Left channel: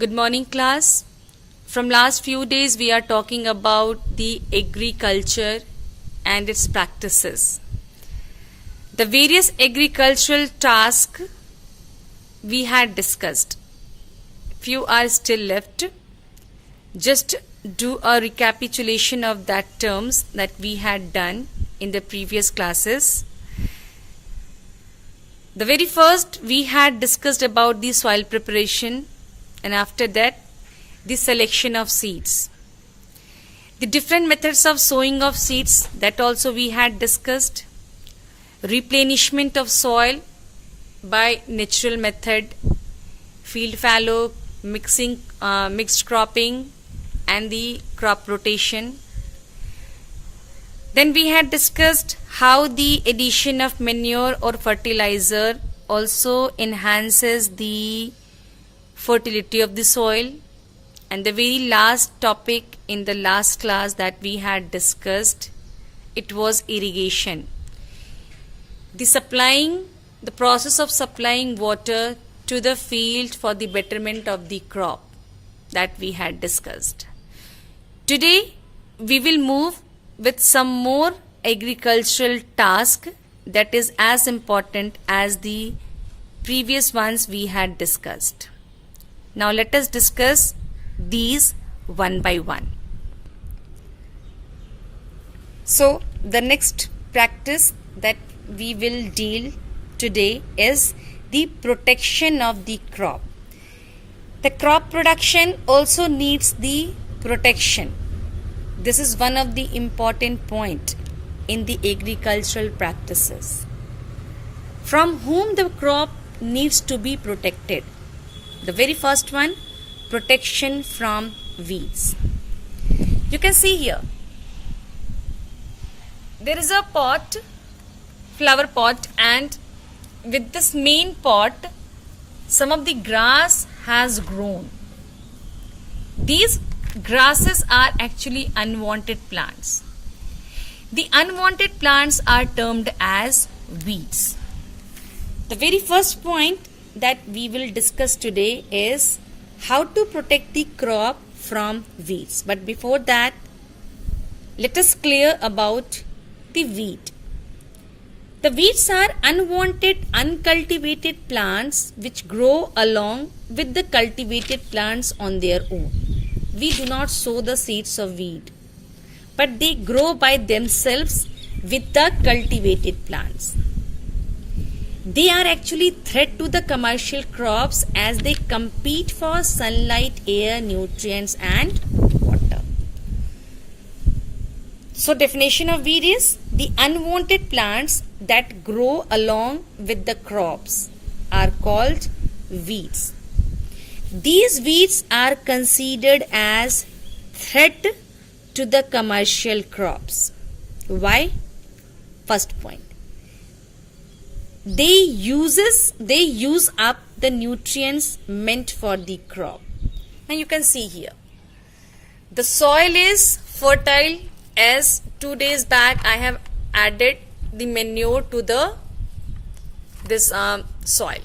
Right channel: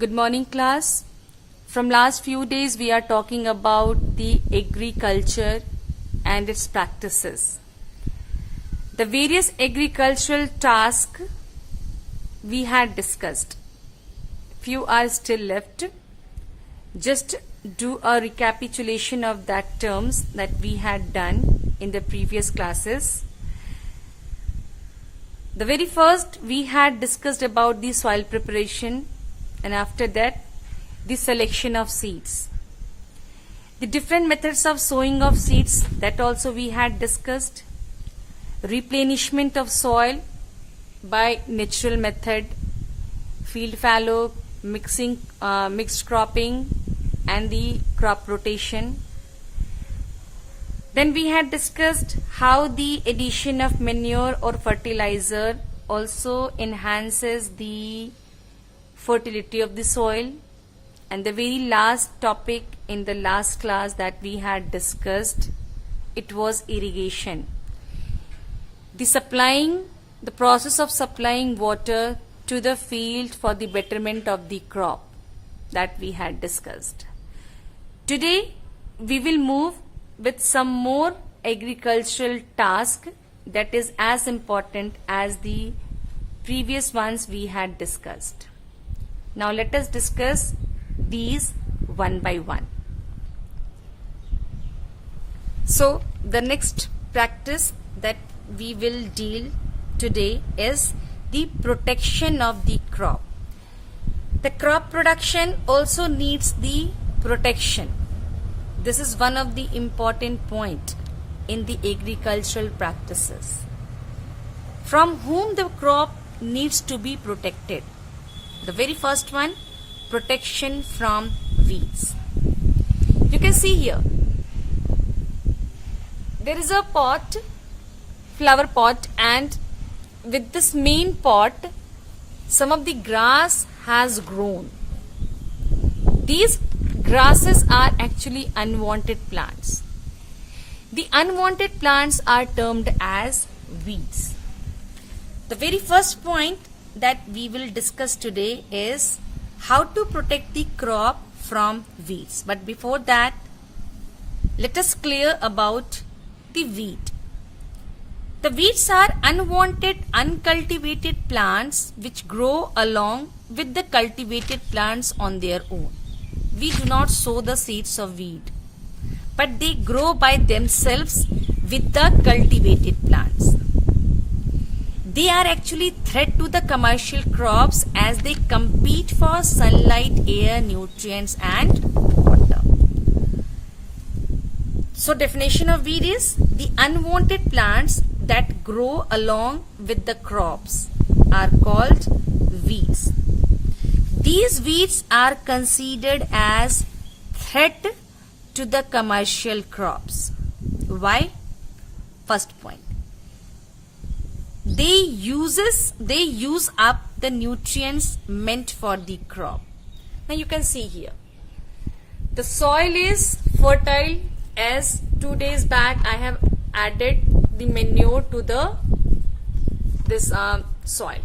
Good morning, class. From last few days we are talking about the agriculture and its practices. The various agricultural tasks we had discussed. Few are still left. Just do a recapitulation of that terms that we had done in the previous classes. The very first we had discussed about the soil preparation, and after that the selection of seeds. The different methods of sowing of seeds, that also we had discussed. Replenishment of soil by natural method, field fallow, mixed cropping, and the crop rotation. Then we had discussed how the addition of manure or fertilizer also enhances the fertility of the soil. And the very last topic in the last class that we had discussed, it was irrigation. The process of supplying water to the field for the betterment of the crop, that we had discussed. Today we will move with some more agricultural task that is as important as the previous ones we had discussed. Now let us discuss these one by one. So the next practice that we will deal today is the protection of the crop. The crop production also needs the protection. This is one of the important point in the agricultural practices. From whom the crop needs to be protected? The very first one, protection from weeds. You can see here, there is a pot, flower pot, and with this main pot, some of the grass has grown. These grasses are actually unwanted plants. The unwanted plants are termed as weeds. The very first point that we will discuss today is how to protect the crop from weeds. But before that, let us clear about the weed. The weeds are unwanted, uncultivated plants which grow along with the cultivated plants on their own. We do not sow the seeds of weed, but they grow by themselves with the cultivated plants. They are actually threat to the commercial crops as they compete for sunlight, air, nutrients, and water. So definition of weed is the unwanted plants that grow along with the crops are called weeds. These weeds are considered as threat to the commercial crops. Why? First point. They use up the nutrients meant for the crop. Now you can see here, the soil is fertile, as 2 days back I have added the manure to this soil.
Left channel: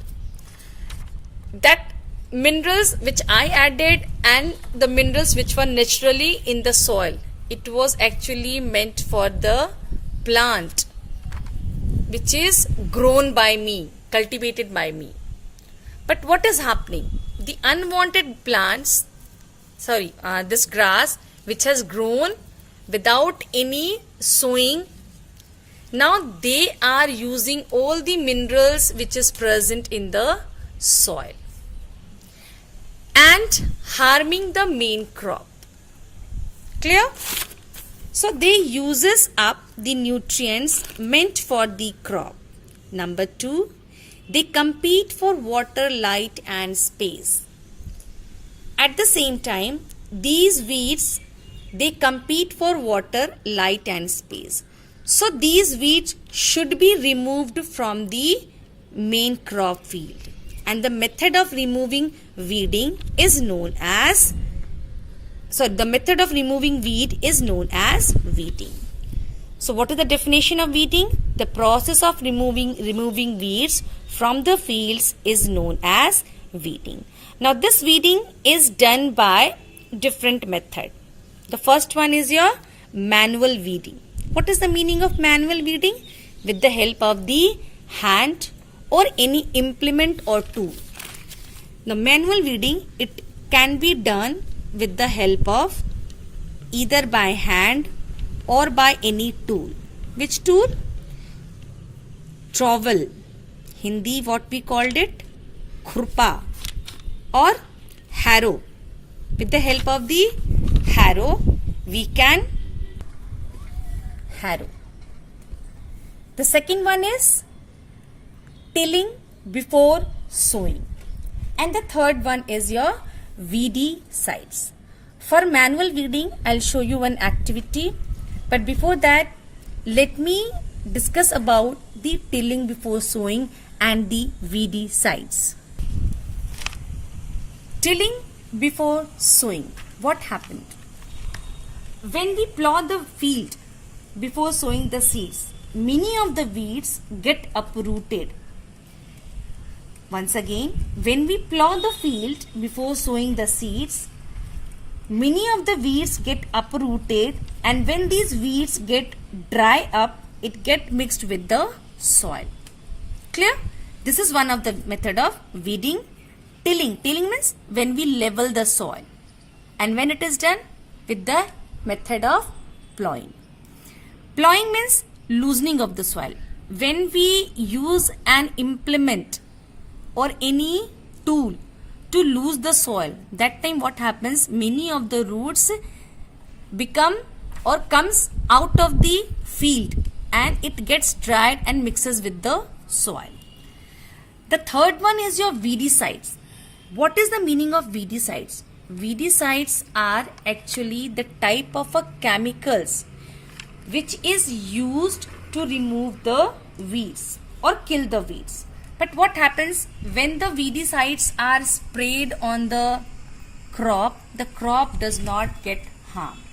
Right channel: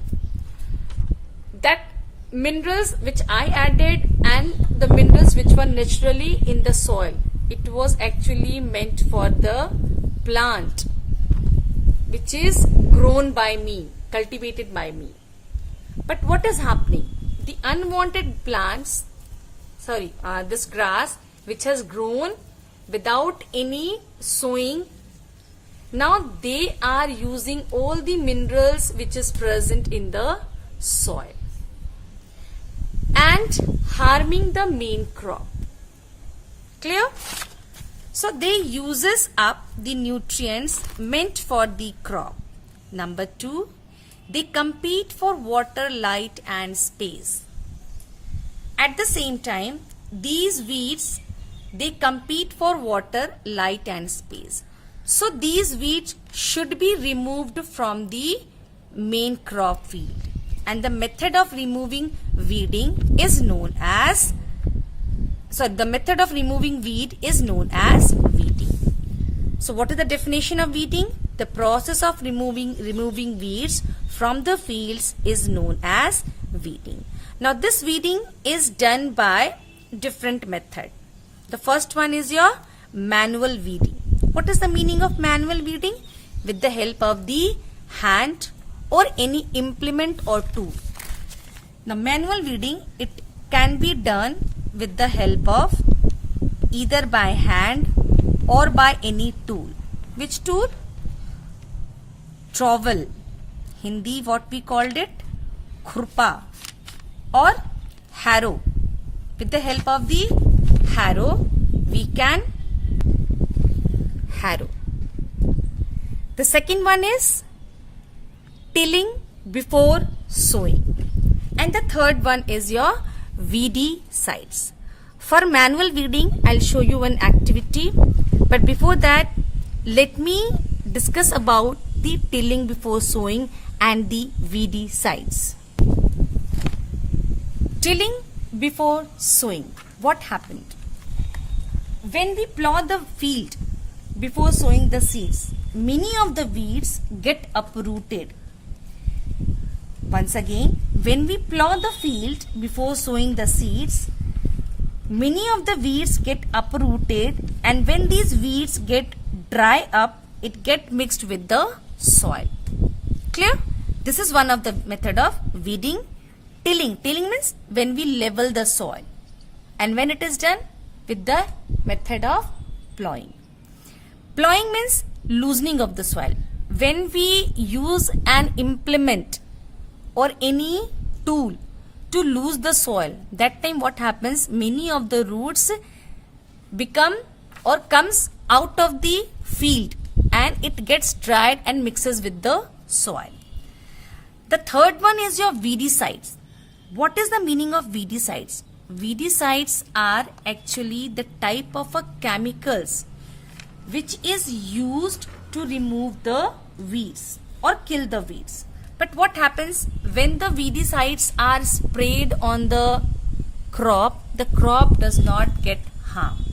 That minerals which I added and the minerals which were naturally in the soil, it was actually meant for the plant which is grown by me, cultivated by me. But what is happening? The unwanted plants, this grass which has grown without any sowing, now they are using all the minerals which is present in the soil and harming the main crop. Clear? So they uses up the nutrients meant for the crop. Number 2, they compete for water, light, and space. At the same time, these weeds, they compete for water, light, and space. So these weeds should be removed from the main crop field. And the method of removing weeding is known as the method of removing weed is known as weeding. So what is the definition of weeding? The process of removing weeds from the fields is known as weeding. Now this weeding is done by different method. The first one is your manual weeding. What is the meaning of manual weeding? With the help of the hand or any implement or tool. Now manual weeding, it can be done with the help of either by hand or by any tool. Which tool? Trowel. Hindi what we called it? Khurpa. Or harrow. With the help of the harrow, we can harrow. The second one is tilling before sowing. And the third one is your weedicides. For manual weeding, I'll show you an activity. But before that, let me discuss about the tilling before sowing and the weedicides. Tilling before sowing. What happened? When we plow the field before sowing the seeds, many of the weeds get uprooted. Once again, when we plow the field before sowing the seeds, many of the weeds get uprooted, and when these weeds get dry up, it get mixed with the soil. Clear? This is one of the method of weeding. Tilling. Tilling means when we level the soil. And when it is done with the method of plowing. Plowing means loosening of the soil. When we use an implement or any tool to lose the soil, that time what happens? Many of the roots become or comes out of the field and it gets dried and mixes with the soil. The third one is your weedicides. What is the meaning of weedicides? Weedicides are actually the type of a chemicals which is used to remove the weeds or kill the weeds. But what happens when the weedicides are sprayed on the crop does not get harmed.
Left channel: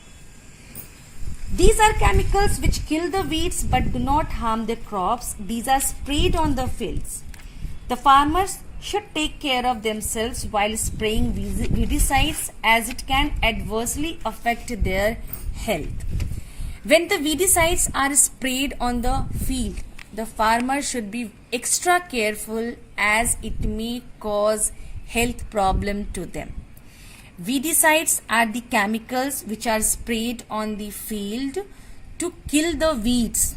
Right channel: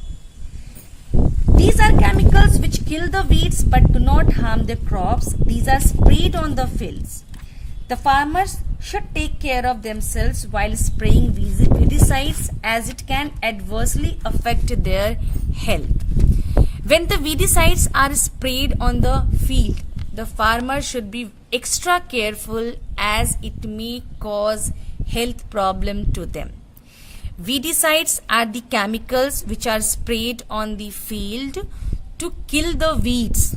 These are chemicals which kill the weeds but do not harm the crops. These are sprayed on the fields. The farmers should take care of themselves while spraying weedicides as it can adversely affect their health. When the weedicides are sprayed on the field, the farmer should be extra careful as it may cause health problem to them. Weedicides are the chemicals which are sprayed on the field to kill the weeds,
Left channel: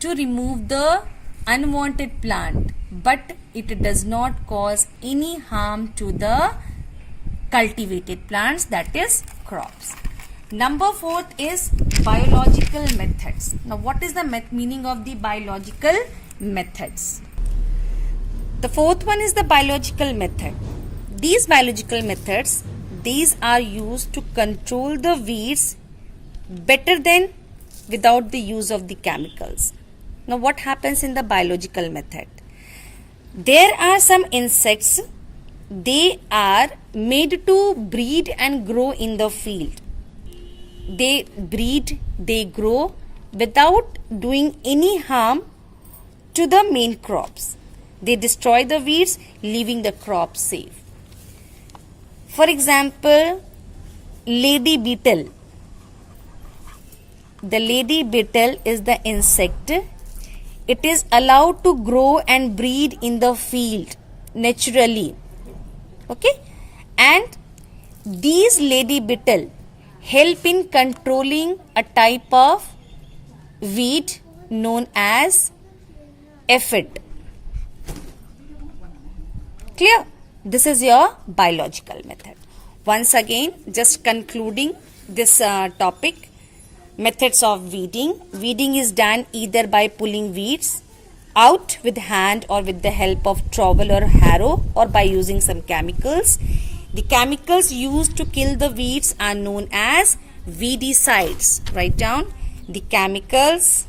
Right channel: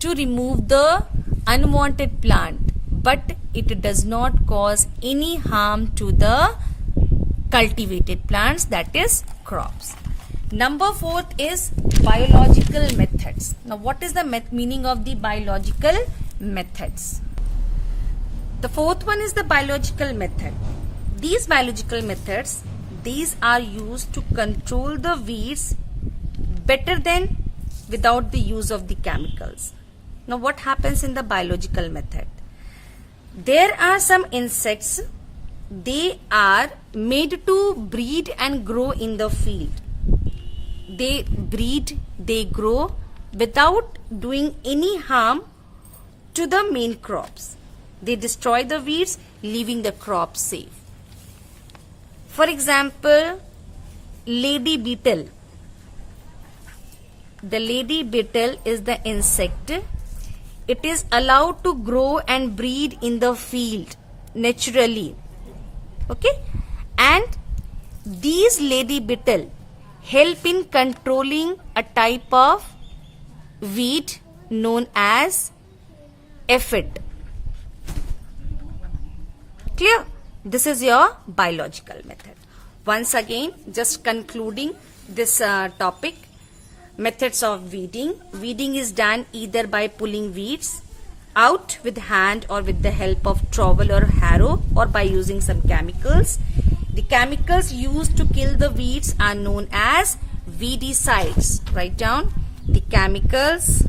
to remove the unwanted plant, but it does not cause any harm to the cultivated plants, that is crops. Number 4 is biological methods. Now what is the meaning of the biological methods? The fourth one is the biological method. These biological methods, these are used to control the weeds better than without the use of the chemicals. Now what happens in the biological method? There are some insects, they are made to breed and grow in the field. They breed, they grow without doing any harm to the main crops. They destroy the weeds, leaving the crops safe. For example, lady beetle. The lady beetle is the insect. It is allowed to grow and breed in the field naturally. Okay? And these lady beetle help in controlling a type of weed known as aphid. Clear? This is your biological method. Once again, just concluding this topic, methods of weeding. Weeding is done either by pulling weeds out with hand or with the help of trowel or harrow or by using some chemicals. The chemicals used to kill the weeds are known as weedicides. Write down the chemicals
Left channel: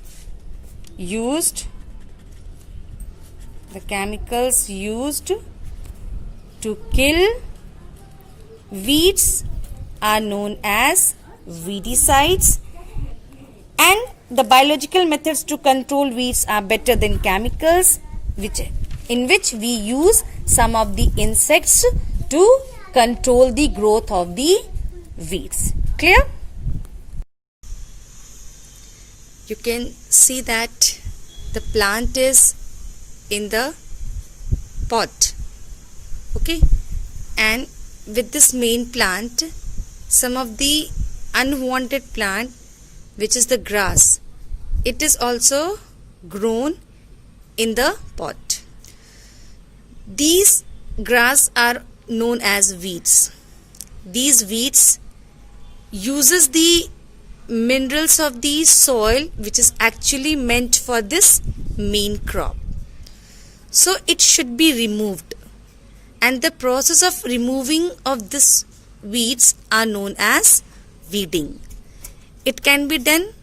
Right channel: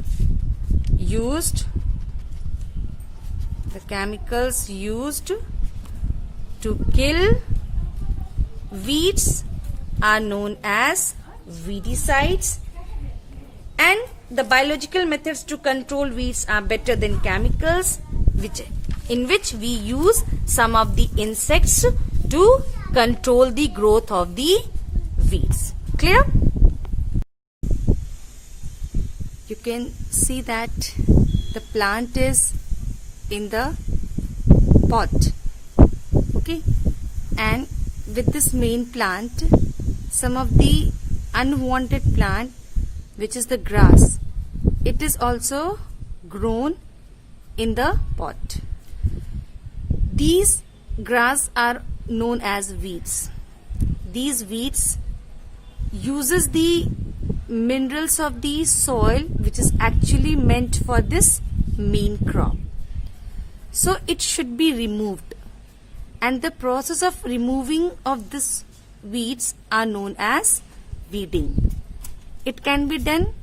used to kill weeds are known as weedicides, and the biological methods to control weeds are better than chemicals, in which we use some of the insects to control the growth of the weeds. Clear? You can see that the plant is in the pot. Okay, and with this main plant, some of the unwanted plant, which is the grass, it is also grown in the pot. These grass are known as weeds. These weeds uses the minerals of the soil, which is actually meant for this main crop. So it should be removed, and the process of removing of this weeds are known as weeding. It can be done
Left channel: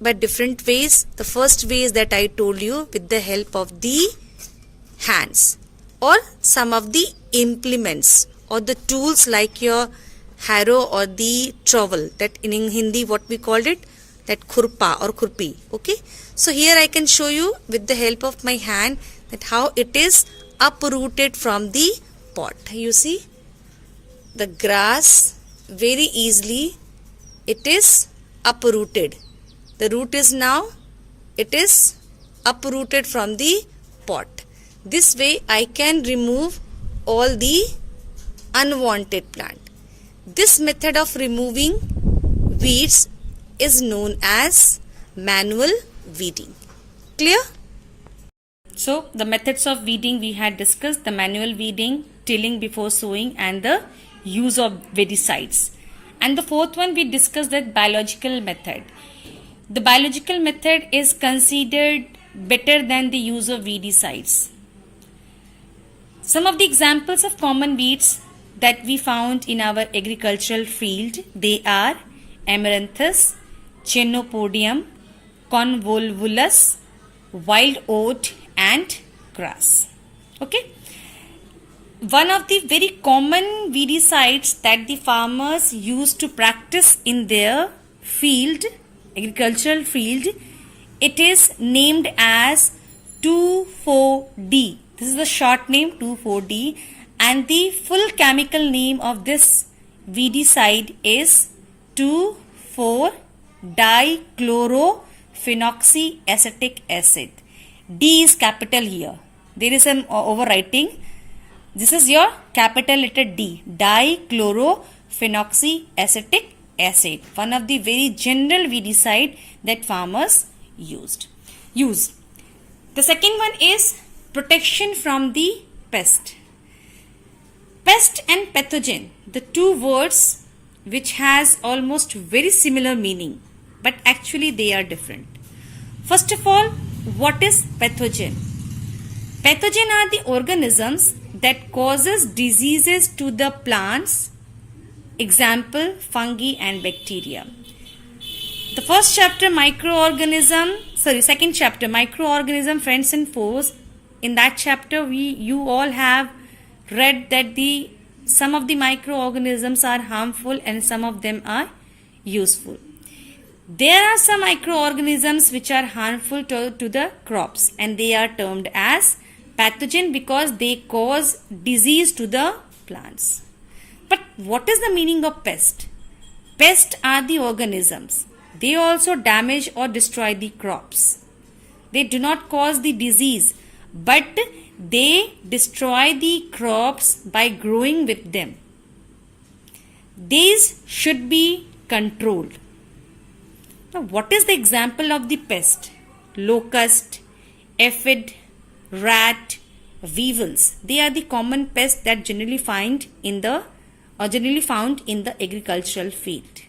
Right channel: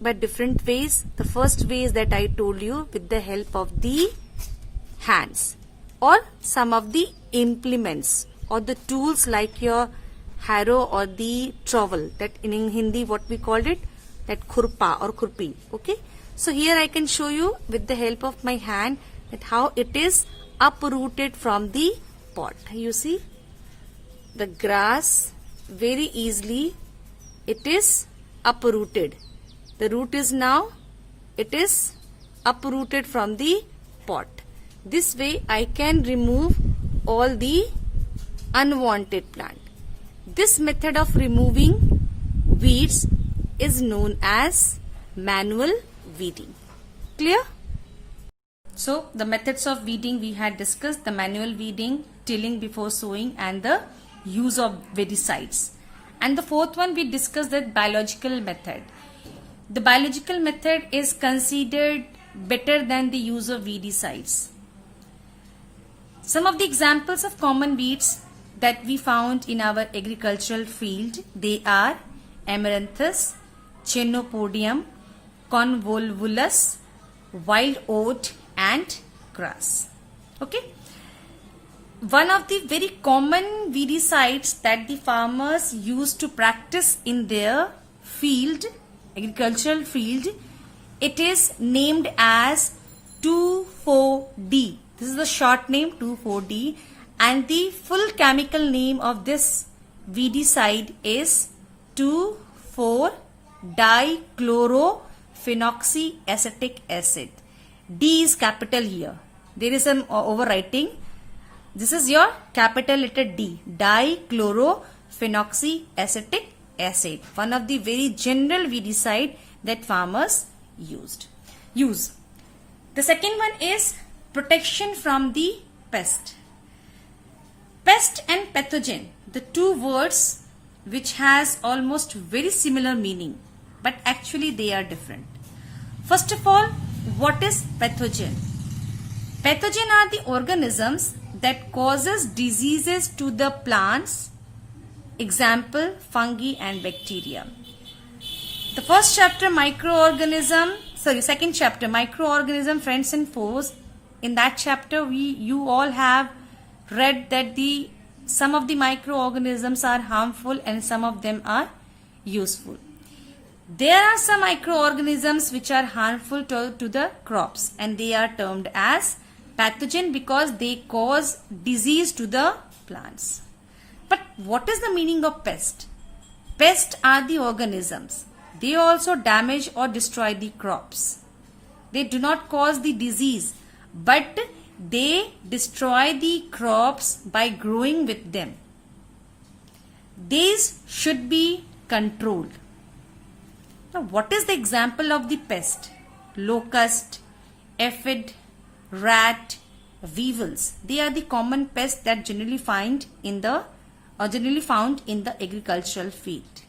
by different ways. The first way is that I told you, with the help of the hands or some of the implements or the tools like your harrow or the trowel, that in Hindi what we called it, that khurpa or khurpi. Okay, so here I can show you with the help of my hand that how it is uprooted from the pot. You see the grass, very easily it is uprooted. The root is now, it is uprooted from the pot. This way I can remove all the unwanted plant. This method of removing weeds is known as manual weeding. Clear? So the methods of weeding we had discussed: the manual weeding, tilling before sowing, and the use of weedicides. And the fourth one we discussed, that biological method. The biological method is considered better than the use of weedicides. Some of the examples of common weeds that we found in our agricultural field, they are Amaranthus, Chenopodium, Convolvulus, wild oat, and grass. Okay. One of the very common weedicides that the farmers used to practice in their field, agricultural field, it is named as 2,4-D. This is the short name, 2,4-D, and the full chemical name of this weedicide is 2,4-dichlorophenoxyacetic acid. D is capital here. There is an overwriting. This is your capital letter D, dichlorophenoxyacetic acid. One of the very general weedicide that farmers use. The second one is protection from the pest. Pest and pathogen, the two words which has almost very similar meaning, but actually they are different. First of all, what is pathogen? Pathogen are the organisms that causes diseases to the plants. Example, fungi and bacteria. The first chapter, second chapter, microorganism, friends and foes. In that chapter, you all have read that some of the microorganisms are harmful and some of them are useful. There are some microorganisms which are harmful to the crops, and they are termed as pathogen because they cause disease to the plants. But what is the meaning of pest? Pests are the organisms. They also damage or destroy the crops. They do not cause the disease, but they destroy the crops by growing with them. These should be controlled. Now, what is the example of the pest? Locust, aphid, rat, weevils. They are the common pests that generally found in the agricultural field.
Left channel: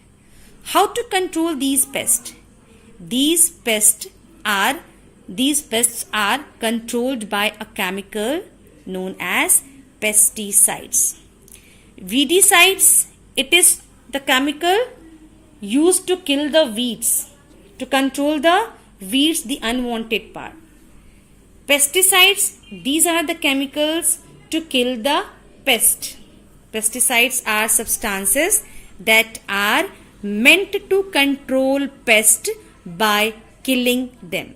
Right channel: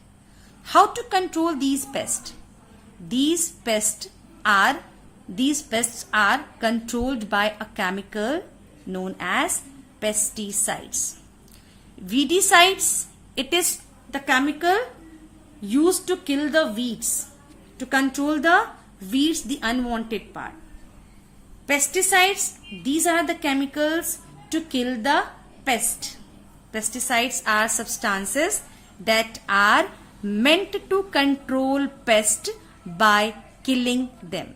How to control these pests? These pests are controlled by a chemical known as pesticides. Weedicides, it is the chemical used to kill the weeds, to control the weeds, the unwanted part. Pesticides, these are the chemicals to kill the pest. Pesticides are substances that are meant to control pest by killing them.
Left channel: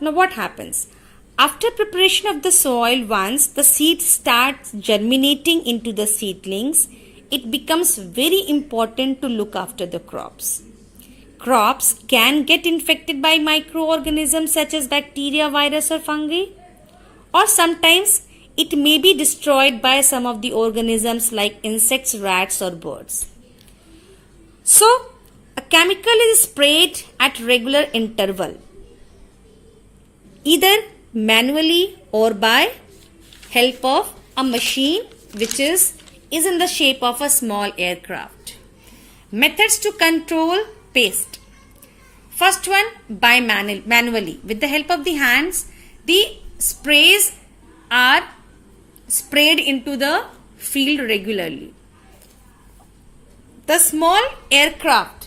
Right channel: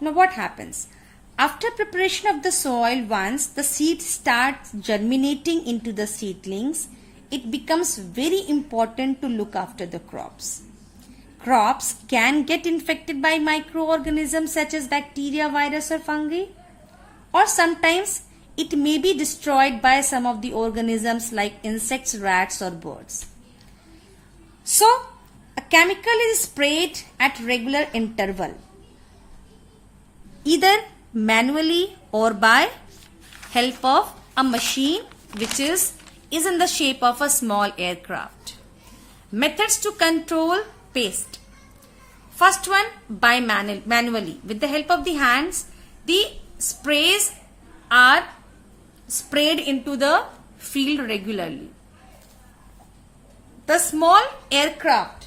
Now what happens? After preparation of the soil, once the seed starts germinating into the seedlings, it becomes very important to look after the crops. Crops can get infected by microorganisms such as bacteria, virus or fungi, or sometimes it may be destroyed by some of the organisms like insects, rats or birds. So, a chemical is sprayed at regular interval, either manually or by help of a machine which is in the shape of a small aircraft. Methods to control pest. First one, by manually. With the help of the hands, the sprays are sprayed into the field regularly. The small aircraft,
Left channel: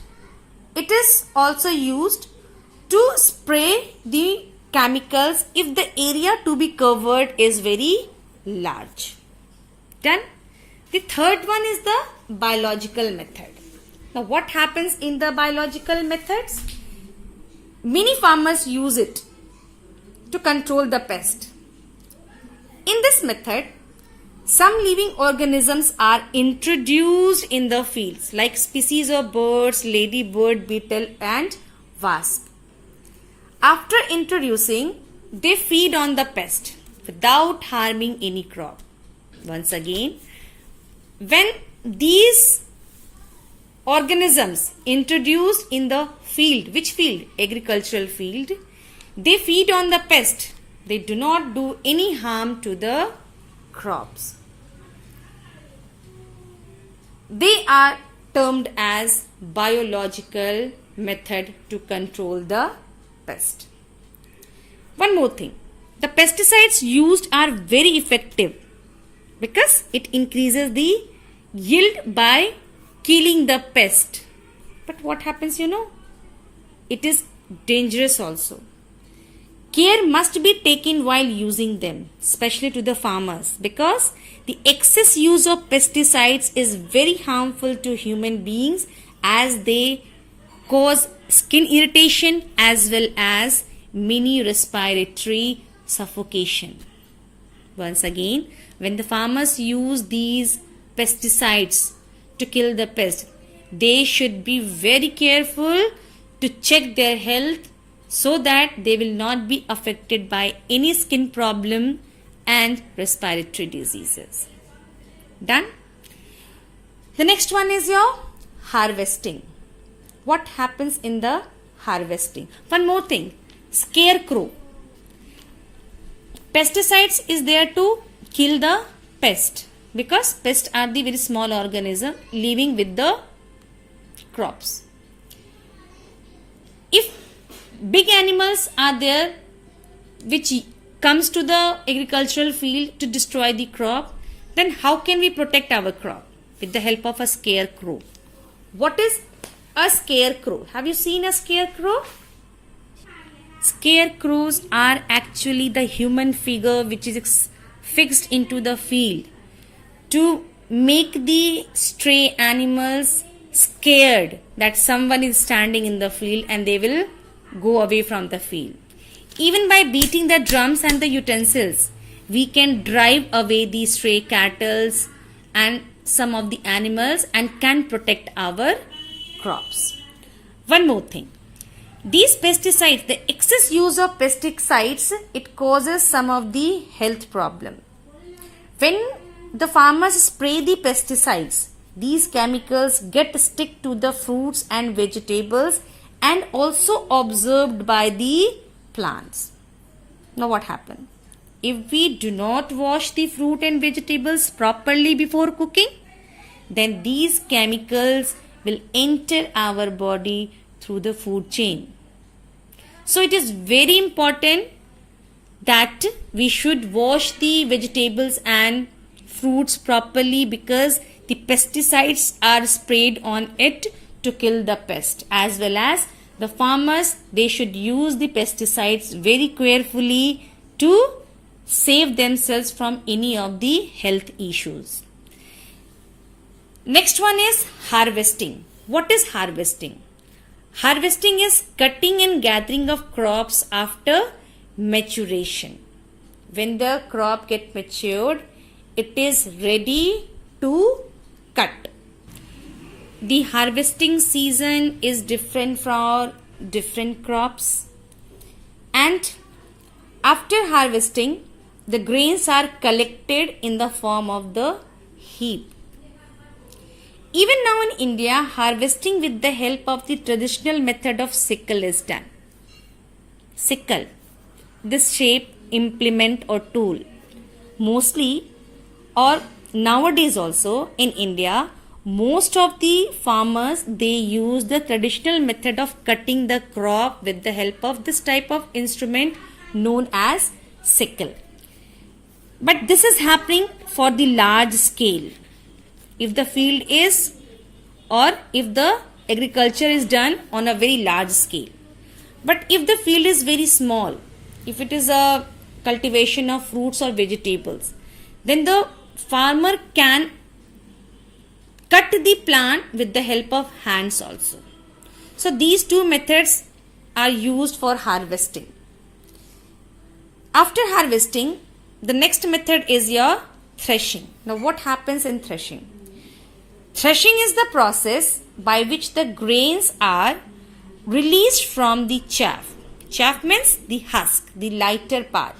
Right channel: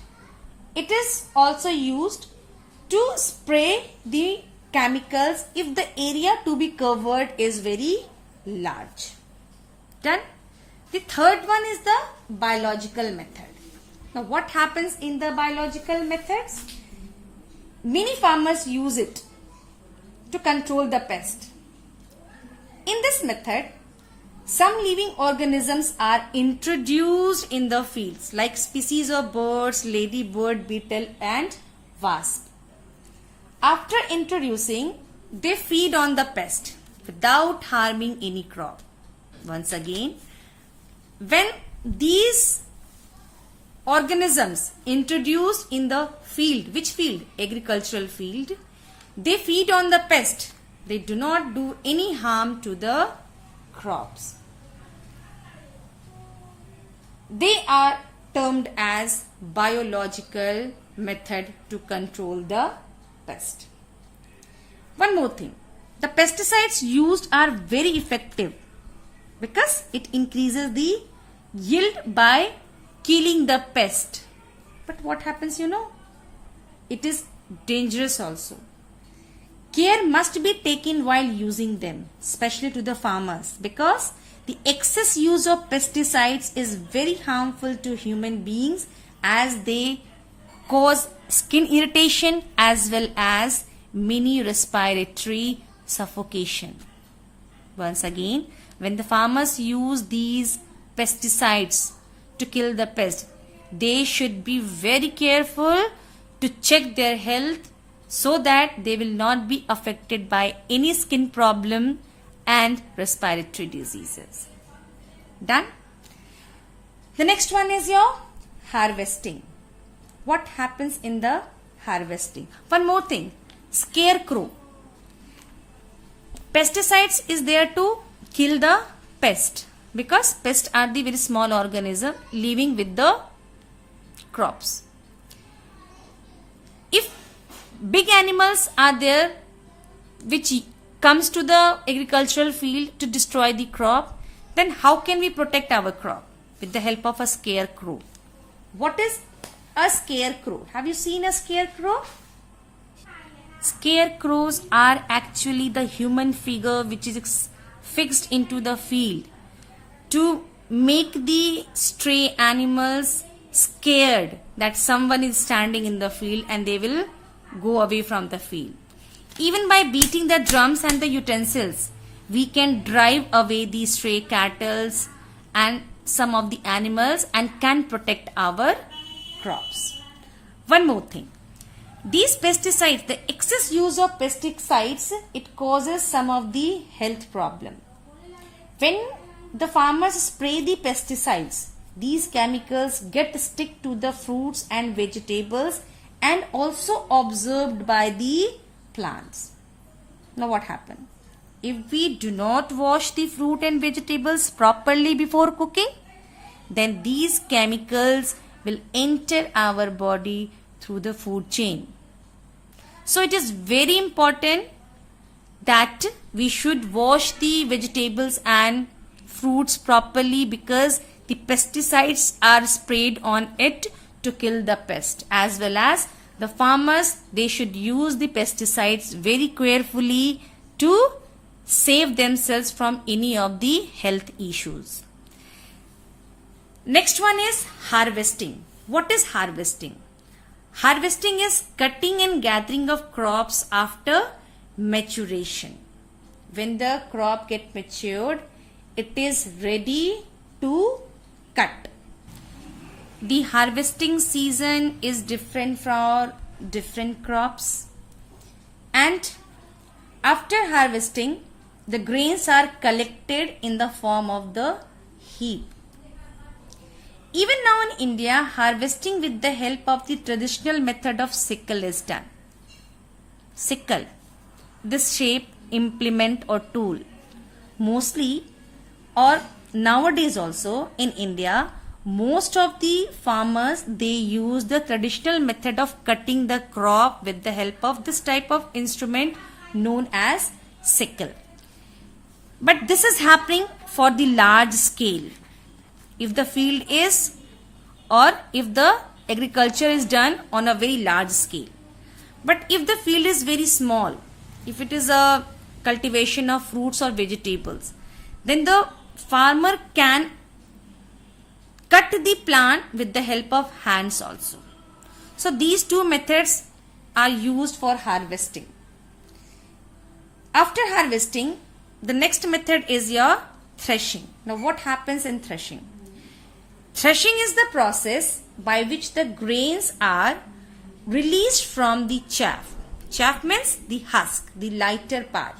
it is also used to spray the chemicals if the area to be covered is very large. Done. The third one is the biological method. Now what happens in the biological methods? Many farmers use it to control the pest. In this method, some living organisms are introduced in the fields like species of birds, ladybird, beetle and wasp. After introducing, they feed on the pest without harming any crop. Once again, when these organisms introduced in the field, which field? Agricultural field, they feed on the pest. They do not do any harm to the crops. They are termed as biological method to control the pest. One more thing, the pesticides used are very effective because it increases the yield by killing the pest. But what happens, it is dangerous also. Care must be taken while using them, especially to the farmers, because the excess use of pesticides is very harmful to human beings as they cause skin irritation as well as many respiratory suffocation. Once again, when the farmers use these pesticides to kill the pest, they should be very careful to check their health so that they will not be affected by any skin problem and respiratory diseases. Done? The next one is your harvesting. What happens in the harvesting? One more thing, scarecrow. Pesticides is there to kill the pest because pests are the very small organism living with the crops. If big animals are there which comes to the agricultural field to destroy the crop, then how can we protect our crop? With the help of a scarecrow. What is a scarecrow? Have you seen a scarecrow? Scarecrows are actually the human figure which is fixed into the field to make the stray animals scared that someone is standing in the field and they will go away from the field. Even by beating the drums and the utensils, we can drive away the stray cattle and some of the animals and can protect our crops. One more thing. These pesticides, the excess use of pesticides, it causes some of the health problem. When the farmers spray the pesticides, these chemicals get stick to the fruits and vegetables and also observed by the plants. Now what happens? If we do not wash the fruit and vegetables properly before cooking, then these chemicals will enter our body through the food chain. So it is very important that we should wash the vegetables and fruits properly because the pesticides are sprayed on it to kill the pest, as well as the farmers, they should use the pesticides very carefully to save themselves from any of the health issues. Next one is harvesting. What is harvesting? Harvesting is cutting and gathering of crops after maturation. when the crop get matured, it is ready to cut. The harvesting season is different for different crops, and after harvesting, the grains are collected in the form of the heap. Even now in India, harvesting with the help of the traditional method of sickle is done. Sickle, this shape, implement or tool. Mostly, or nowadays also in India, most of the farmers, they use the traditional method of cutting the crop with the help of this type of instrument known as sickle. But this is happening for the large scale. If the field is, or if the agriculture is done on a very large scale. But if the field is very small, if it is a cultivation of fruits or vegetables, then the farmer can cut the plant with the help of hands also. So these two methods are used for harvesting. After harvesting, the next method is your threshing. Now what happens in threshing? Threshing is the process by which the grains are released from the chaff. Chaff means the husk, the lighter part.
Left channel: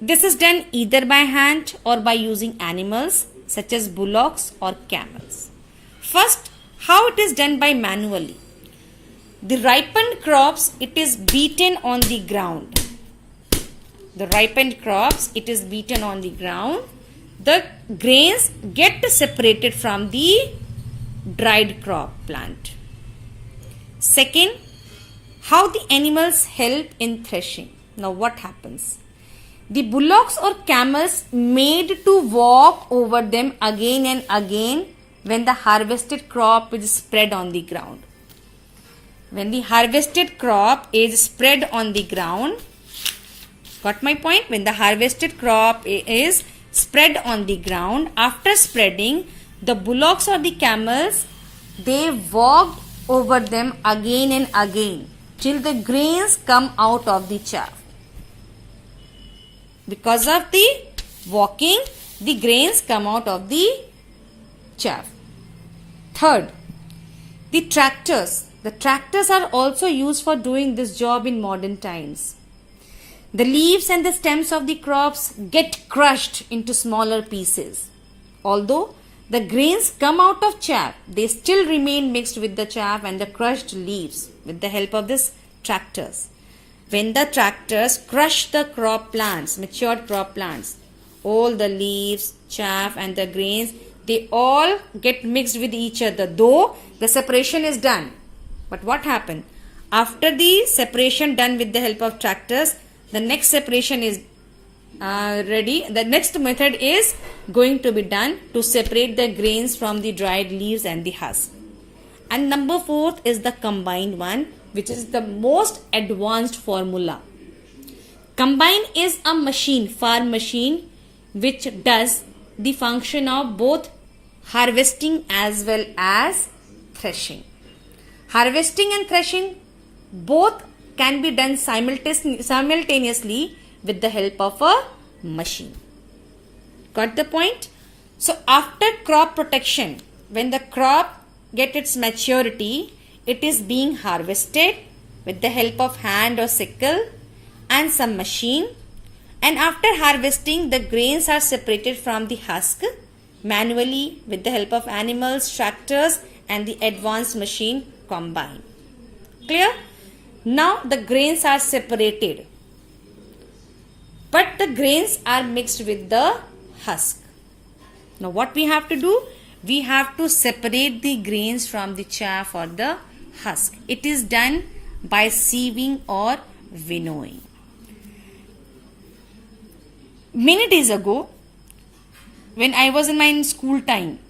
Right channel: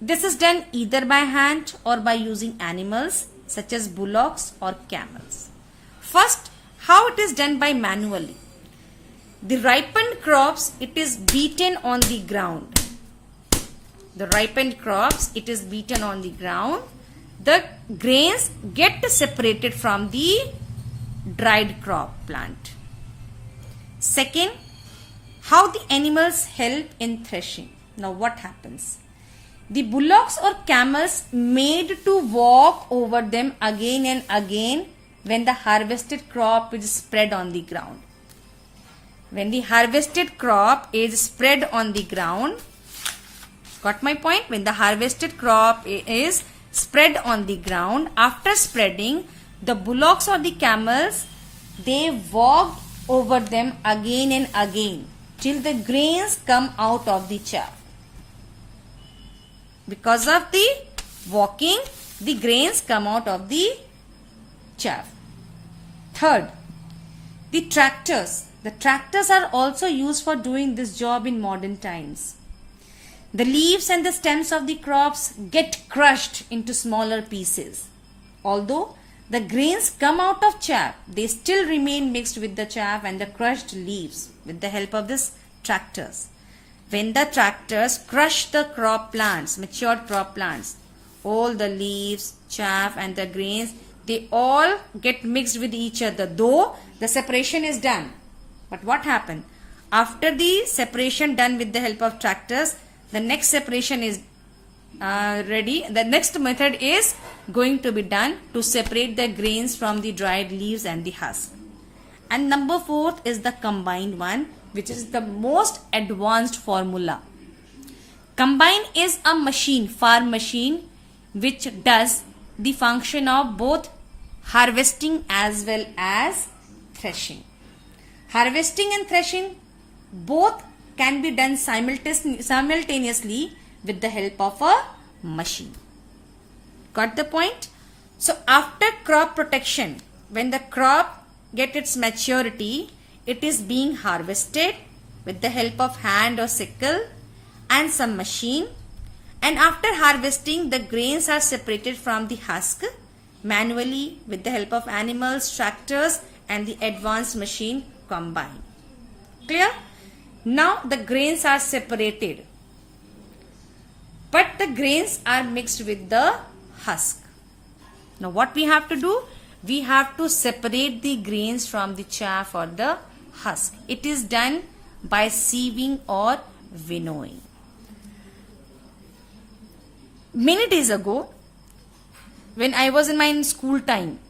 This is done either by hand or by using animals such as bullocks or camels. First, how it is done by manually. The ripened crops, it is beaten on the ground. The ripened crops, it is beaten on the ground. The grains get separated from the dried crop plant. Second, how the animals help in threshing. Now what happens? The bullocks or camels made to walk over them again and again when the harvested crop is spread on the ground. When the harvested crop is spread on the ground, got my point? When the harvested crop is spread on the ground, after spreading, the bullocks or the camels, they walked over them again and again till the grains come out of the chaff. Because of the walking, the grains come out of the chaff. Third, the tractors. The tractors are also used for doing this job in modern times. The leaves and the stems of the crops get crushed into smaller pieces. Although the grains come out of chaff, they still remain mixed with the chaff and the crushed leaves with the help of these tractors. When the tractors crush the crop plants, matured crop plants, all the leaves, chaff and the grains, they all get mixed with each other, though the separation is done. But what happened? After the separation done with the help of tractors, the next separation is ready. The next method is going to be done to separate the grains from the dried leaves and the husk. And number fourth is the combined one, which is the most advanced formula. Combine is a machine, farm machine, which does the function of both harvesting as well as threshing. Harvesting and threshing both can be done simultaneously with the help of a machine. Got the point? So after crop protection, when the crop gets its maturity, it is being harvested with the help of hand or sickle and some machine. And after harvesting, the grains are separated from the husk manually with the help of animals, tractors and the advanced machine combine. Clear? Now the grains are separated, but the grains are mixed with the husk. Now what we have to do? We have to separate the grains from the chaff or the husk. It is done by sieving or winnowing. Many days ago, when I was in my school time,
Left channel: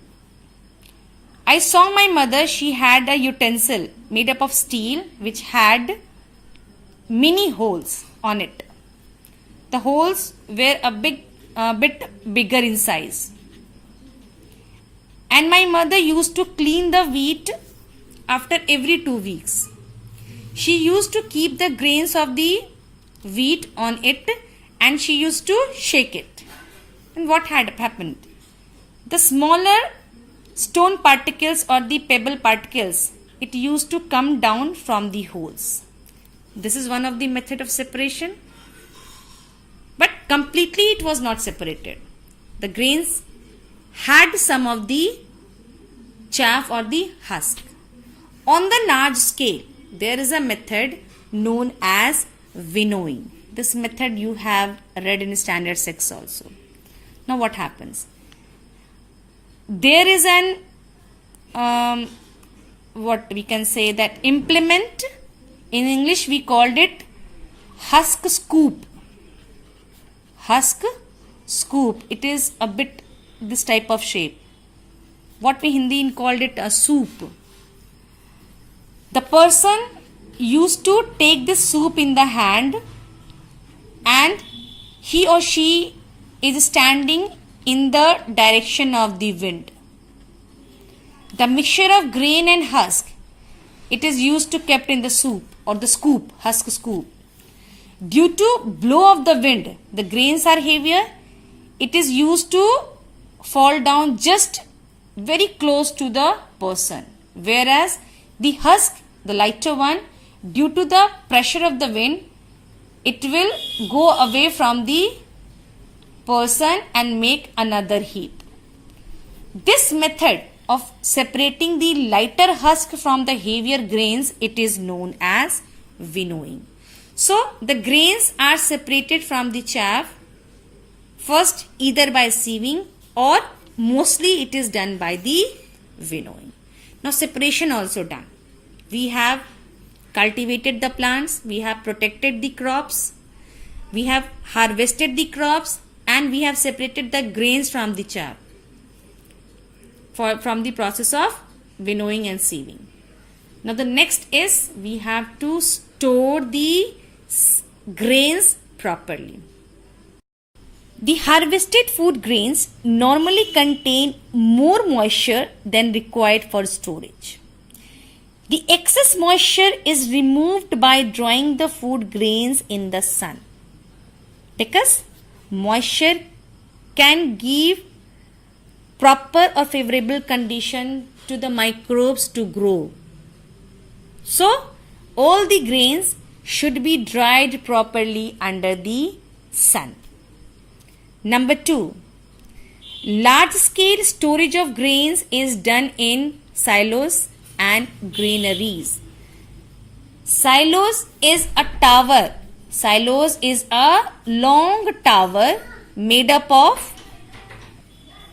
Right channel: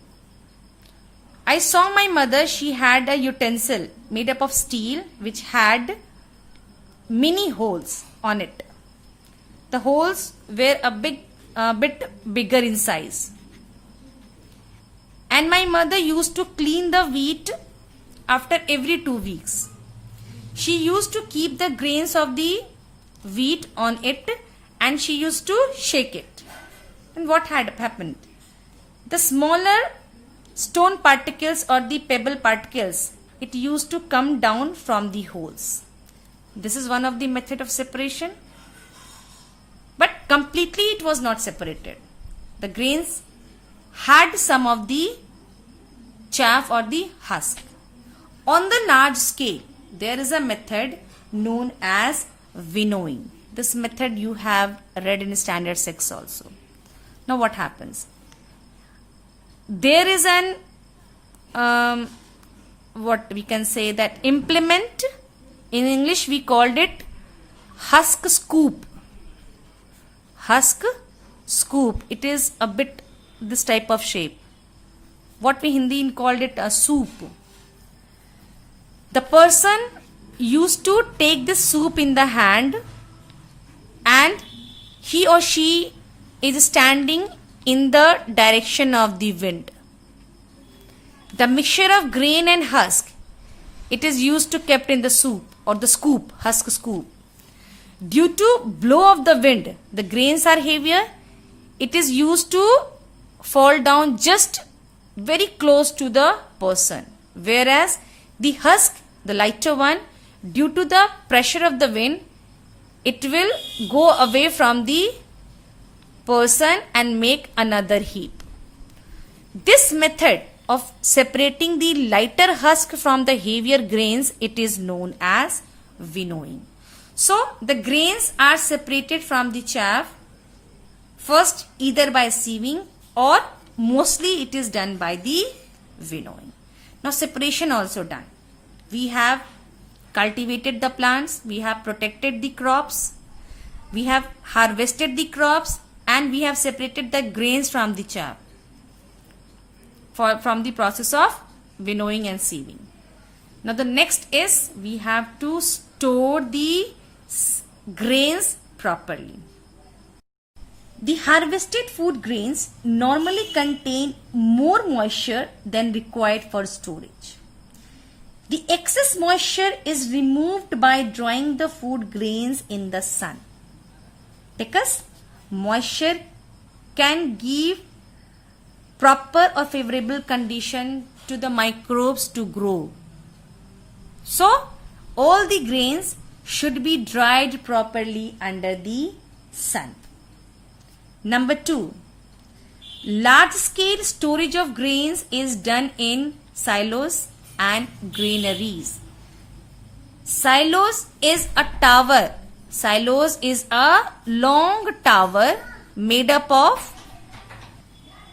I saw my mother. She had a utensil made up of steel which had many holes on it. The holes were a bit bigger in size. And my mother used to clean the wheat after every 2 weeks. She used to keep the grains of the wheat on it and she used to shake it. And what had happened? The smaller stone particles or the pebble particles, it used to come down from the holes. This is one of the method of separation. But completely it was not separated. The grains had some of the chaff or the husk. On the large scale, there is a method known as winnowing. This method you have read in standard 6 also. Now what happens? There is an what we can say that implement. In English we called it husk scoop. Husk scoop. It is a bit this type of shape. What we Hindi called it a soup. The person used to take this soup in the hand and he or she is standing in the direction of the wind. The mixture of grain and husk, it is used to kept in the soup or the scoop, husk scoop. Due to blow of the wind, the grains are heavier. It is used to fall down just very close to the person. Whereas the husk, the lighter one, due to the pressure of the wind, it will go away from the person and make another heap. This method of separating the lighter husk from the heavier grains, it is known as winnowing. So the grains are separated from the chaff first either by sieving or mostly it is done by the winnowing. Now separation also done. We have cultivated the plants, we have protected the crops, we have harvested the crops, and we have separated the grains from the chaff from the process of winnowing and sieving. Now the next is we have to store the grains properly. The harvested food grains normally contain more moisture than required for storage. The excess moisture is removed by drying the food grains in the sun, because moisture can give proper or favorable condition to the microbes to grow. So all the grains should be dried properly under the sun. Number 2, large scale storage of grains is done in silos and granaries. Silos is a tower. Silos is a long tower made up of.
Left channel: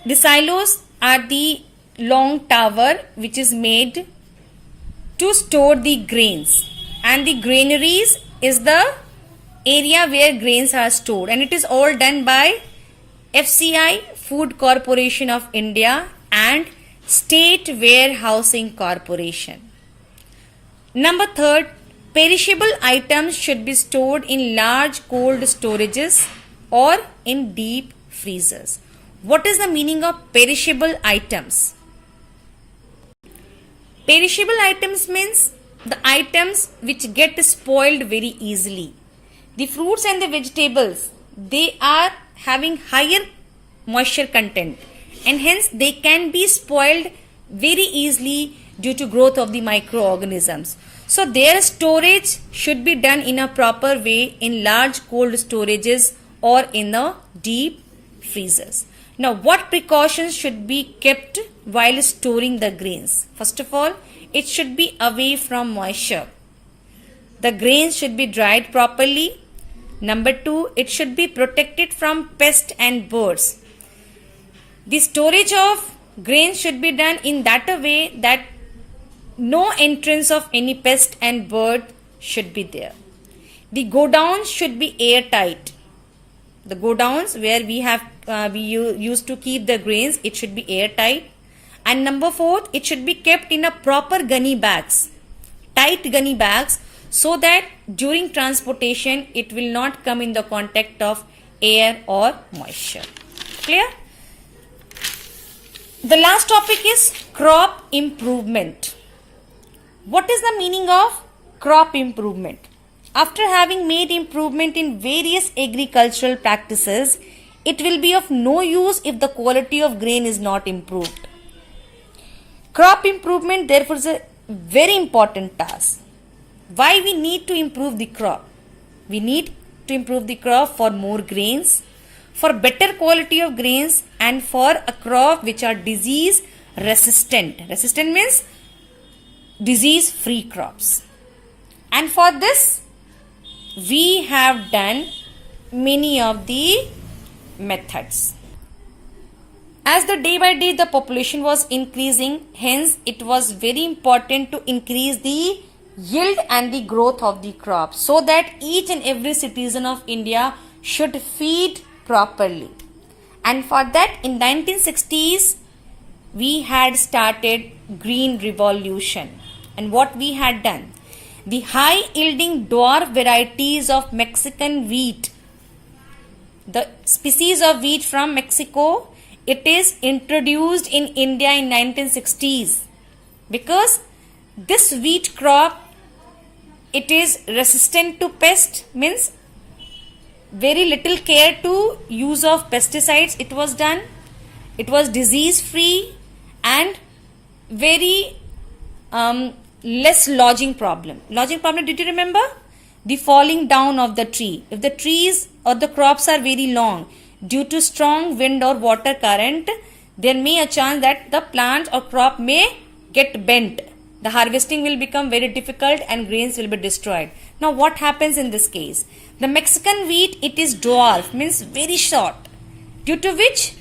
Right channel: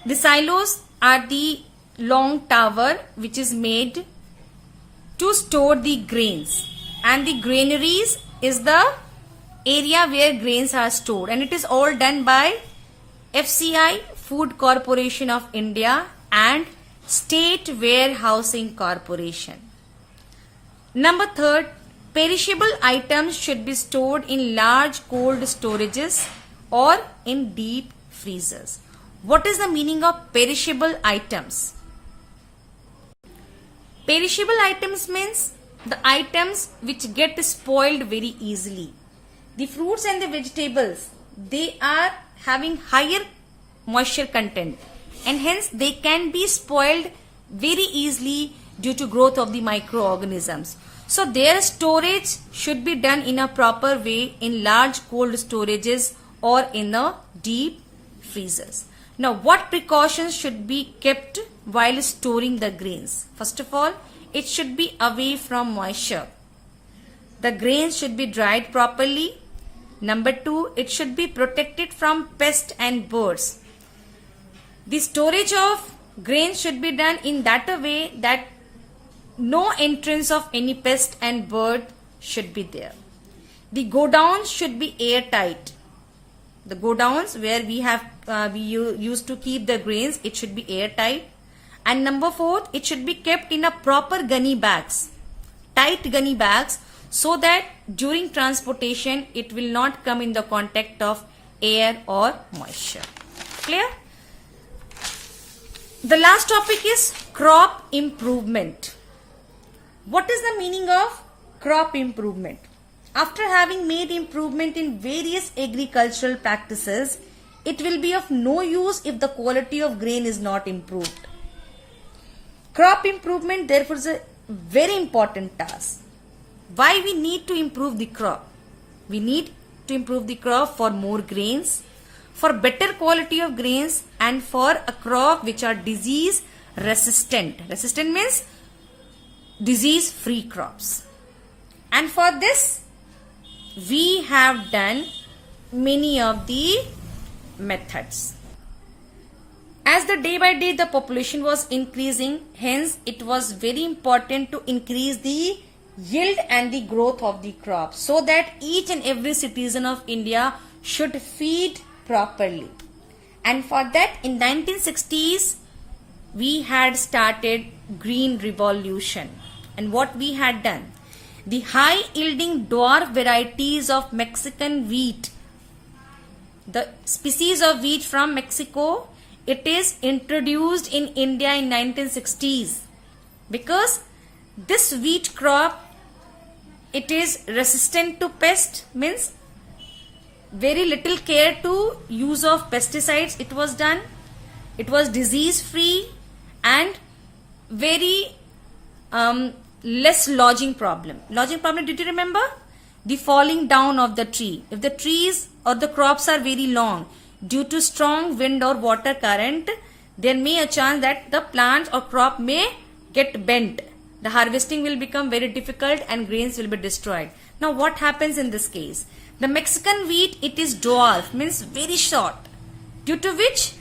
The silos are the long tower which is made to store the grains, and the granaries is the area where grains are stored, and it is all done by FCI, Food Corporation of India, and State Warehousing Corporation. Number 3, perishable items should be stored in large cold storages or in deep freezers. What is the meaning of perishable items? Perishable items means the items which get spoiled very easily. The fruits and the vegetables, they are having higher moisture content and hence they can be spoiled very easily due to growth of the microorganisms. So their storage should be done in a proper way in large cold storages or in the deep freezers. Now what precautions should be kept while storing the grains? First of all, it should be away from moisture. The grains should be dried properly. Number 2, it should be protected from pests and birds. The storage of grains should be done in that a way that no entrance of any pest and bird should be there. The godowns should be airtight. The godowns where we used to keep the grains, it should be airtight. And number 4, it should be kept in a proper gunny bags, tight gunny bags, so that during transportation it will not come in the contact of air or moisture. Clear? The last topic is crop improvement. What is the meaning of crop improvement? After having made improvement in various agricultural practices, it will be of no use if the quality of grain is not improved. Crop improvement therefore is a very important task. Why we need to improve the crop? We need to improve the crop for more grains, for better quality of grains, and for a crop which are disease resistant. Resistant means disease free crops. And for this we have done many of the methods. As the day by day the population was increasing, hence it was very important to increase the yield and the growth of the crop so that each and every citizen of India should feed properly. And for that in 1960s we had started green revolution. And what we had done, the high yielding dwarf varieties of Mexican wheat, the species of wheat from Mexico, it is introduced in India in 1960s because this wheat crop, it is resistant to pest, means very little care to use of pesticides it was done. It was disease free and very less lodging problem. Lodging problem, did you remember? The falling down of the tree. If the trees or the crops are very long, due to strong wind or water current, there may a chance that the plant or crop may get bent. The harvesting will become very difficult and grains will be destroyed. Now what happens in this case? The Mexican wheat, it is dwarf, means very short, due to which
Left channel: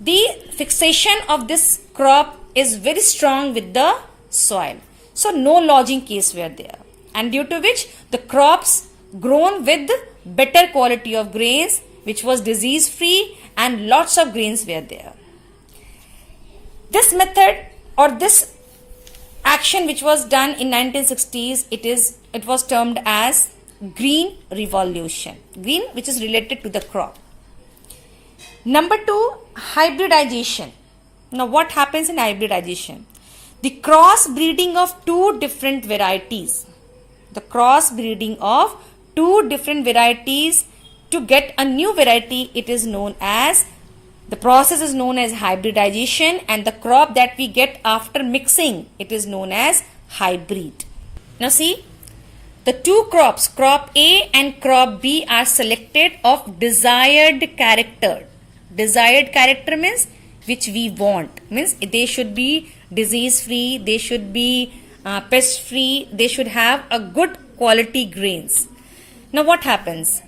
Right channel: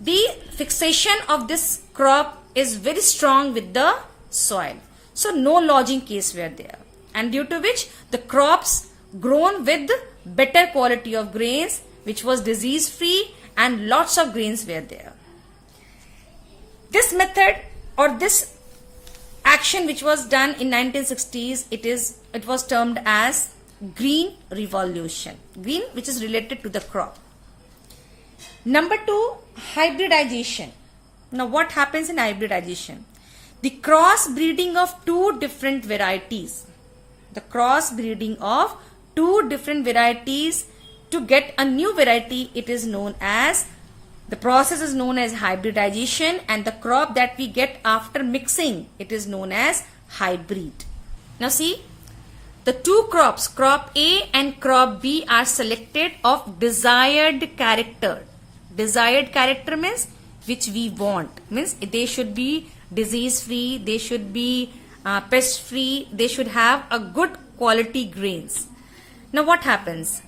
the fixation of this crop is very strong with the soil. So no lodging case were there, and due to which the crops grown with better quality of grains which was disease free and lots of grains were there. This method or this action which was done in 1960s, it was termed as green revolution. Green, which is related to the crop. Number 2, hybridization. Now what happens in hybridization? The cross breeding of two different varieties. The cross breeding of two different varieties to get a new variety, it is known as, the process is known as hybridization, and the crop that we get after mixing, it is known as hybrid. Now see, the two crops, crop A and crop B, are selected of desired character. Desired character means which we want, means they should be disease free, they should be pest free, they should have a good quality grains. Now what happens?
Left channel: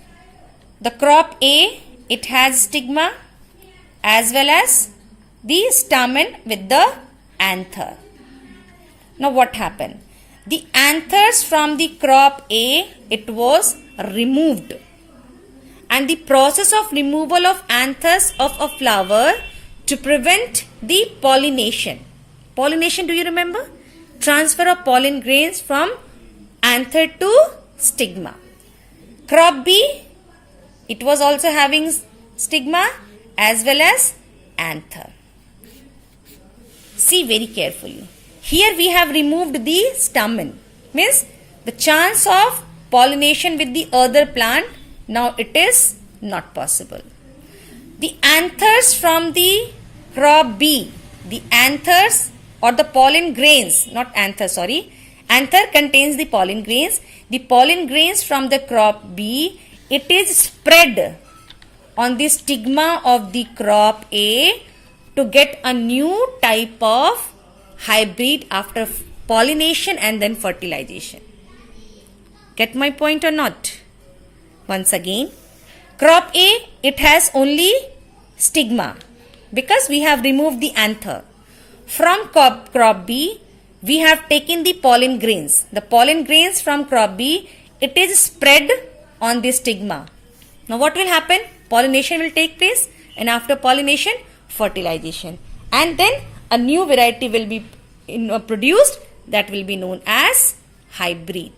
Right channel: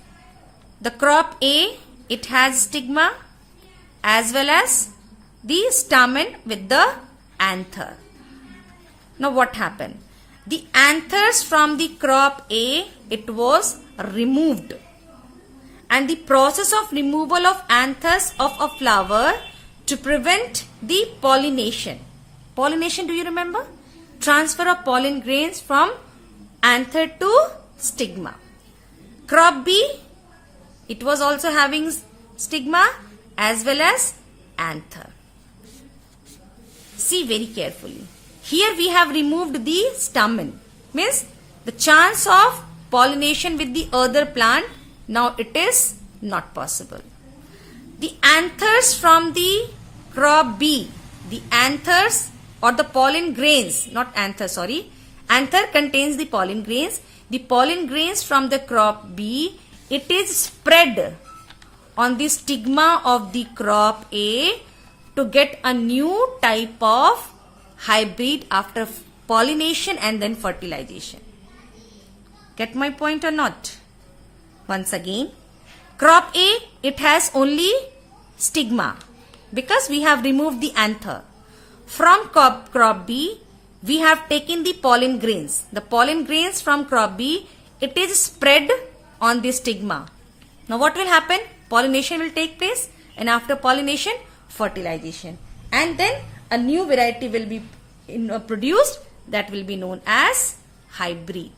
The crop A, it has stigma as well as the stamen with the anther. Now what happened? The anthers from the crop A, it was removed, and the process of removal of anthers of a flower to prevent the pollination. Pollination, do you remember? Transfer of pollen grains from anther to stigma. Crop B, it was also having stigma as well as anther. See very carefully. Here we have removed the stamen, means the chance of pollination with the other plant, now it is not possible. The anthers from the crop B, the anthers or the pollen grains, not anther, sorry. Anther contains the pollen grains. The pollen grains from the crop B, it is spread on the stigma of the crop A to get a new type of hybrid after pollination and then fertilization. Get my point or not? Once again, crop A, it has only stigma because we have removed the anther. From crop B, we have taken the pollen grains. The pollen grains from crop B, it is spread on the stigma. Now what will happen? Pollination will take place, and after pollination, fertilization. And then a new variety will be produced that will be known as hybrid.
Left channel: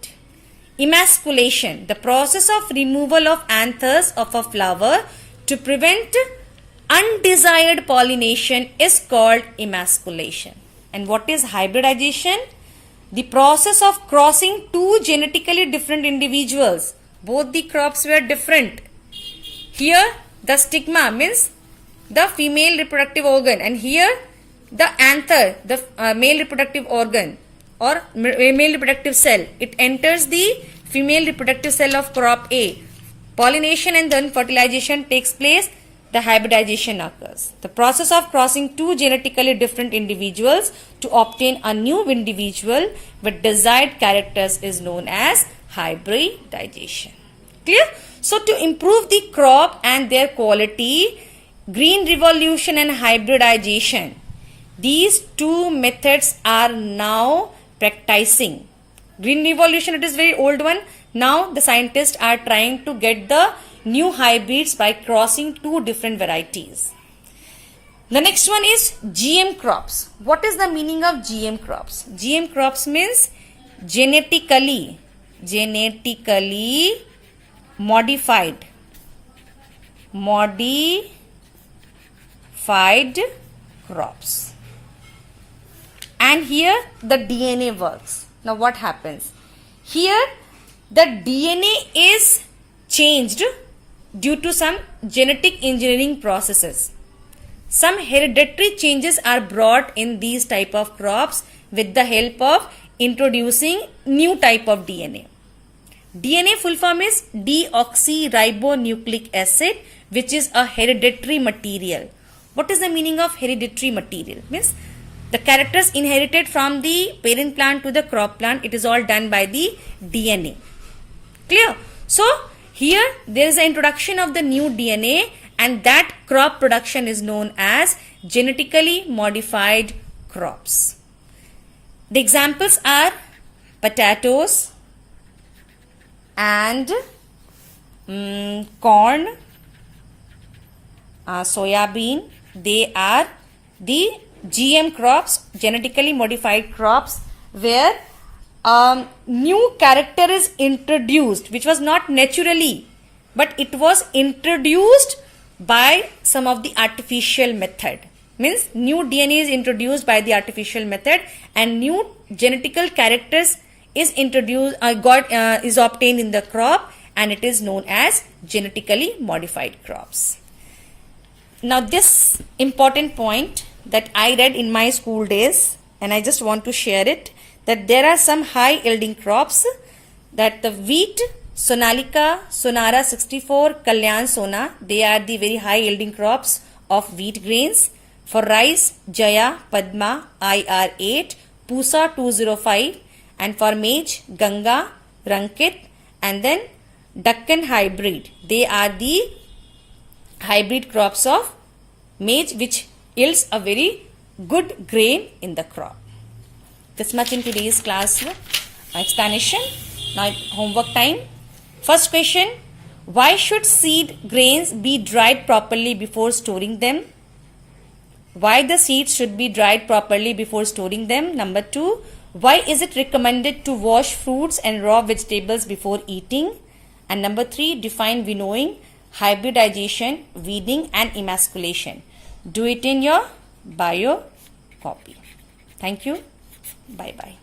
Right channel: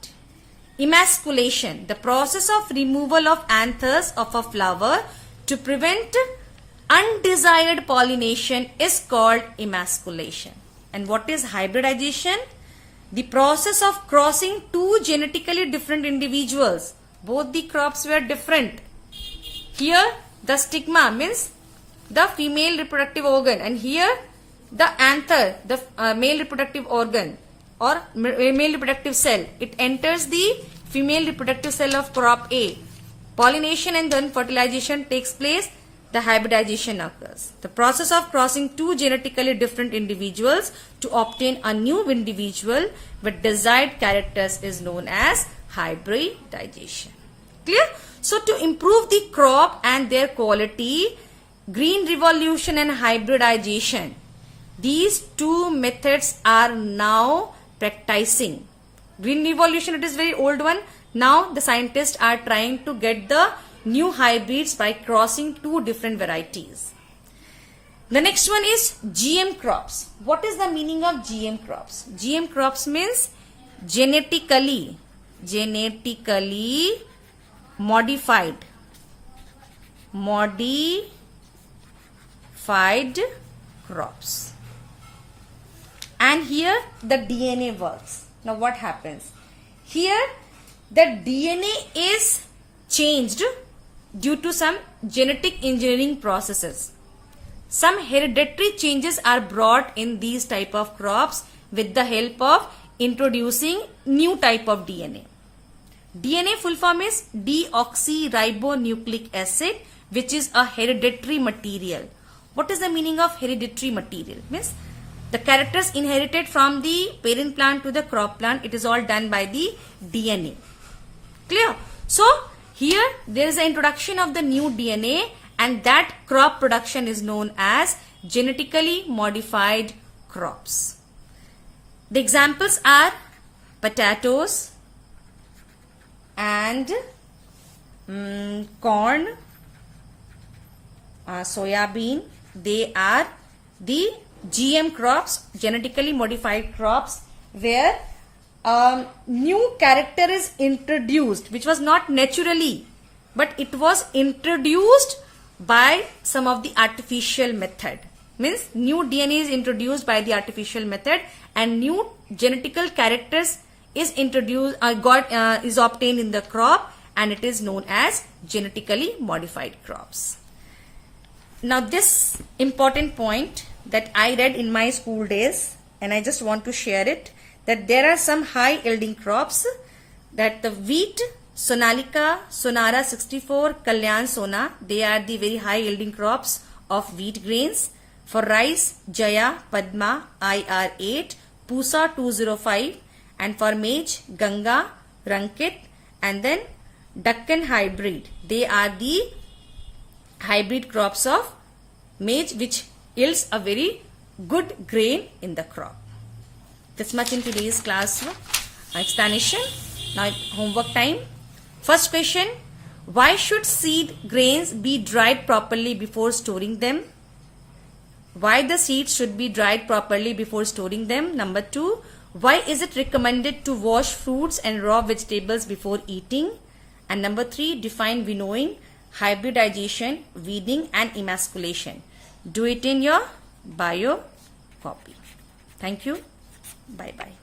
Emasculation, the process of removal of anthers of a flower to prevent undesired pollination is called emasculation. And what is hybridization? the process of crossing two genetically different individuals. Both the crops were different. Here the stigma means the female reproductive organ, and here the anther, the male reproductive organ or male reproductive cell. It enters the female reproductive cell of crop A. Pollination and then fertilization takes place. The hybridization occurs. The process of crossing two genetically different individuals to obtain a new individual with desired characters is known as hybridization. Clear? So to improve the crop and their quality, green revolution and hybridization, these two methods are now practicing. Green revolution, it is very old one. Now the scientists are trying to get the new hybrids by crossing two different varieties. The next one is GM crops. What is the meaning of GM crops? GM crops means genetically modified crops. And here the DNA works. Now what happens? Here the DNA is changed due to some genetic engineering processes. Some hereditary changes are brought in these type of crops with the help of introducing new type of DNA. DNA full form is deoxyribonucleic acid, which is a hereditary material. What is the meaning of hereditary material? Means the characters inherited from the parent plant to the crop plant, it is all done by the DNA. Clear? So here there is an introduction of the new DNA, and that crop production is known as genetically modified crops. The examples are potatoes and corn, soya-bean. They are the GM crops, genetically modified crops, where new character is introduced, which was not naturally, but it was introduced by some of the artificial method. Means new DNA is introduced by the artificial method, and new genetical characters is introduced, is obtained in the crop, and it is known as genetically modified crops. Now this important point that I read in my school days, and I just want to share it, that there are some high yielding crops, that the wheat, Sonalika, Sonara 64, Kalyan Sona, they are the very high yielding crops of wheat grains. For rice, Jaya, Padma, IR8, Pusa 205, and for maize, Ganga, Rankit, and then Deccan hybrid. They are the hybrid crops of maize which yields a very good grain in the crop. This much in today's class explanation. Now homework time. First question, why should seed grains be dried properly before storing them? Why the seeds should be dried properly before storing them? Number 2, why is it recommended to wash fruits and raw vegetables before eating? And number 3, define winnowing, hybridization, weeding and emasculation. Do it in your bio copy. Thank you. Bye bye.